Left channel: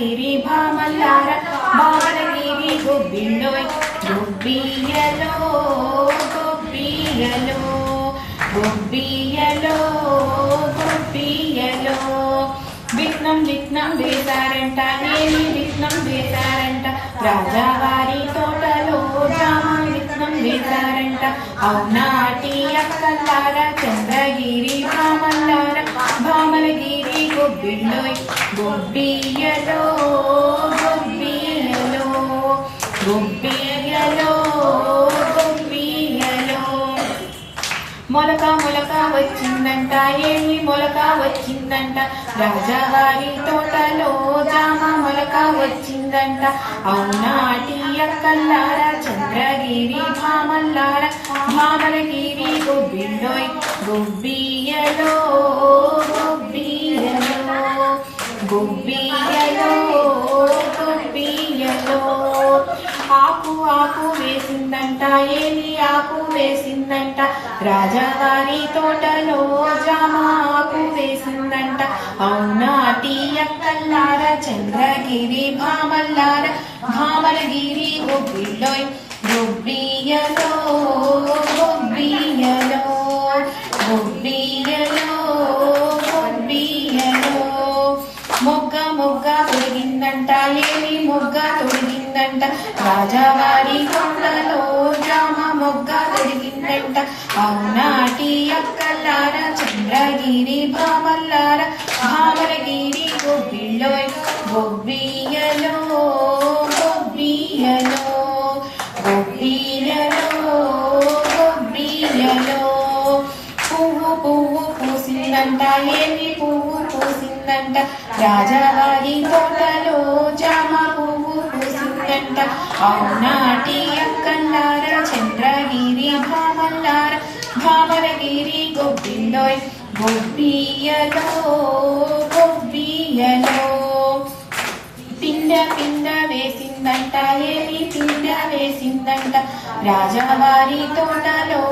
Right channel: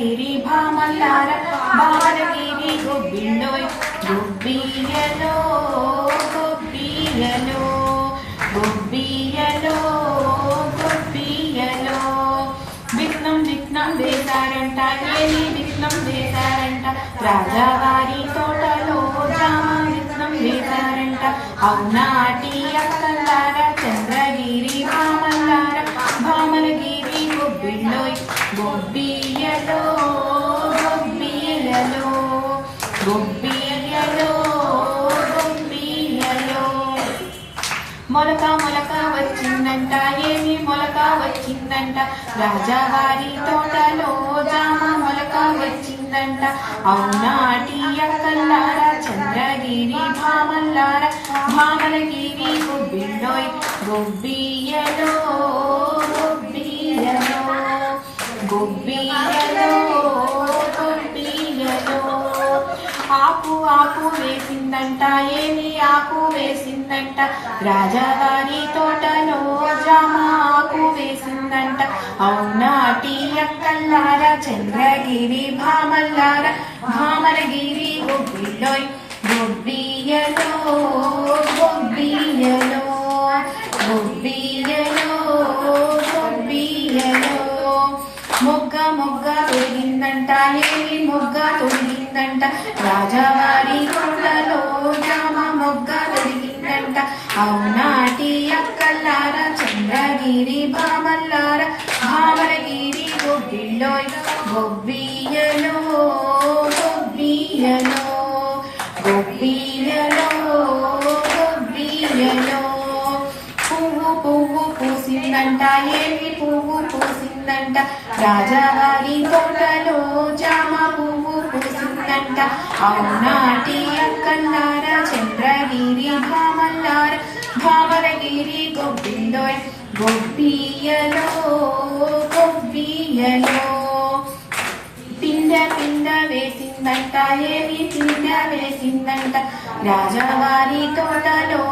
చంద్రగిరి భామల్లార భామలగిరి గొబ్బిళ్ళోయ్ గొబ్బియ్యలో గొబ్బియ్యలో గొబ్బియ్యలో గొబ్బియ్యలో విఘ్నం విఘ్నం వేశారంట ఏమి విఘ్నం వేశారంట రాజావారి తోటలో జామ విఘ్నం వేశారంట అవునాటి అక్కలార చంద్రగిరి భామల్లార భామలగిరి గొబ్బిళ్ళోయ్ గొబ్బియ్యలో గొబ్బియ్యలో గొబ్బియ్యలో గొబ్బియ్యలో మొలక మొలక వచ్చిందంట ఏమి మొలక వచ్చిందంట రాజావారి తోటలో జామ మొలక వచ్చిందంట అవునాటి అక్కల్లార చంద్రగిరి భామల్లార భామలగిరి గొబ్బిళ్ళోయ్ గొబ్బియ్యలో గొబ్బియ్యలో గొబ్బియ్యలో గొబ్బియ్యలో ఆకు ఆకు వేసిందంట ఏమి ఆకు వేసిందంట రాజావారి తోటలో జామ ఆకు వేసిందంట అవునాటి అక్కల్లార చంద్రగిరి భామల్లార భామలగిరి గొబ్బిళ్ళోయ్ గొబ్బియ్యలో గొబ్బియ్యలో గొబ్బియ్యలో గొబ్బియ్యలో మొగ్గ మొగ్గ తొడిగిందంట ఏమి మొగ్గ తొడిగిందంట రాజావారి కొండలో జామ మొగ్గ తొడిగిందంట అవునాటి అక్కల్లార చంద్రగిరి భామల్లార భామలగిరి గొబ్బిళ్ళోయ్ గొబ్బియ్యలో గొబ్బియ్యలో గొబ్బియ్యలో గొబ్బియ్యలో పువ్వు పువ్వు పూసిందంట ఏమి పువ్వు పూసిందంట రాజావారి తోటలో జామ పువ్వు పూసిందంట అవునాటి అక్కల్లార చంద్రగిరి భామల్లార భామలగిరి గొబ్బిళ్ళోయ్ గొబ్బియ్యలో గొబ్బియ్యలో పిండ పిండ వేసిందంట ఏమి పిండ వేసిందంట రాజావారి తోటలో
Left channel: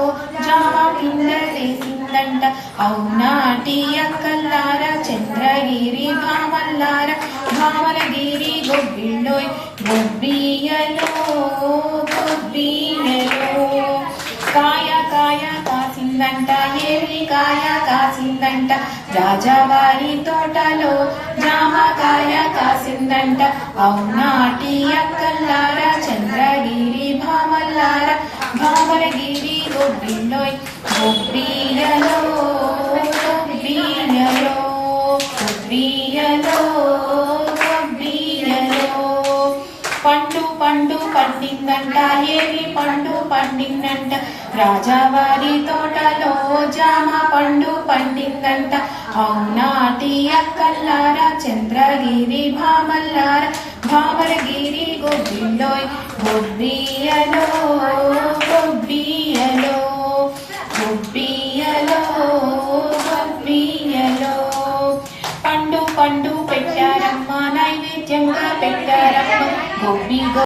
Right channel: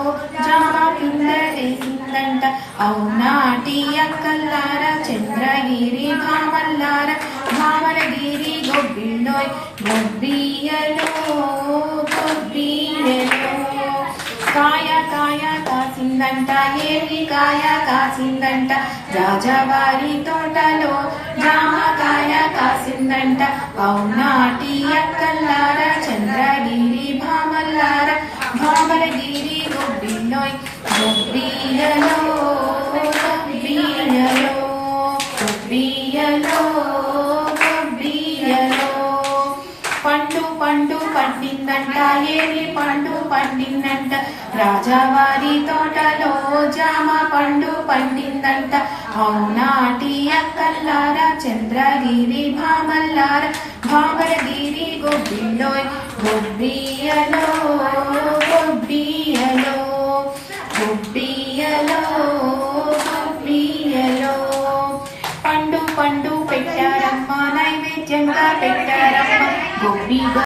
జామ పిండ వేసిందంట అవునాటి అక్కల్లార చంద్రగిరి భామల్లార భామలగిరి గొబ్బిళ్ళోయ్ గొబ్బియ్యలో గొబ్బియ్యలో కాయ కాయ కాసిందంట ఏమి కాయ కాసిందంట రాజావారి తోటలో జామకాయ కాసిందంట అవునాటి అక్కల్లార చంద్రగిరి భామల్లార భామలగిరి గొబ్బిళ్ళోయ్ గొబ్బియ్యలో గొబ్బియ్యలో గొబ్బియ్యలో గొబ్బియ్యలో పండు పండు పండిందంట ఏమి పండు పండిందంట రాజావారి తోటలో జామ పండు పండిందంట అవునాటి అక్కల్లార చంద్రగిరి భామల్లార భామలగిరి గొబ్బిళ్ళోయ్ గొబ్బియ్యలో గొబ్బియ్యలో గొబ్బియ్యలో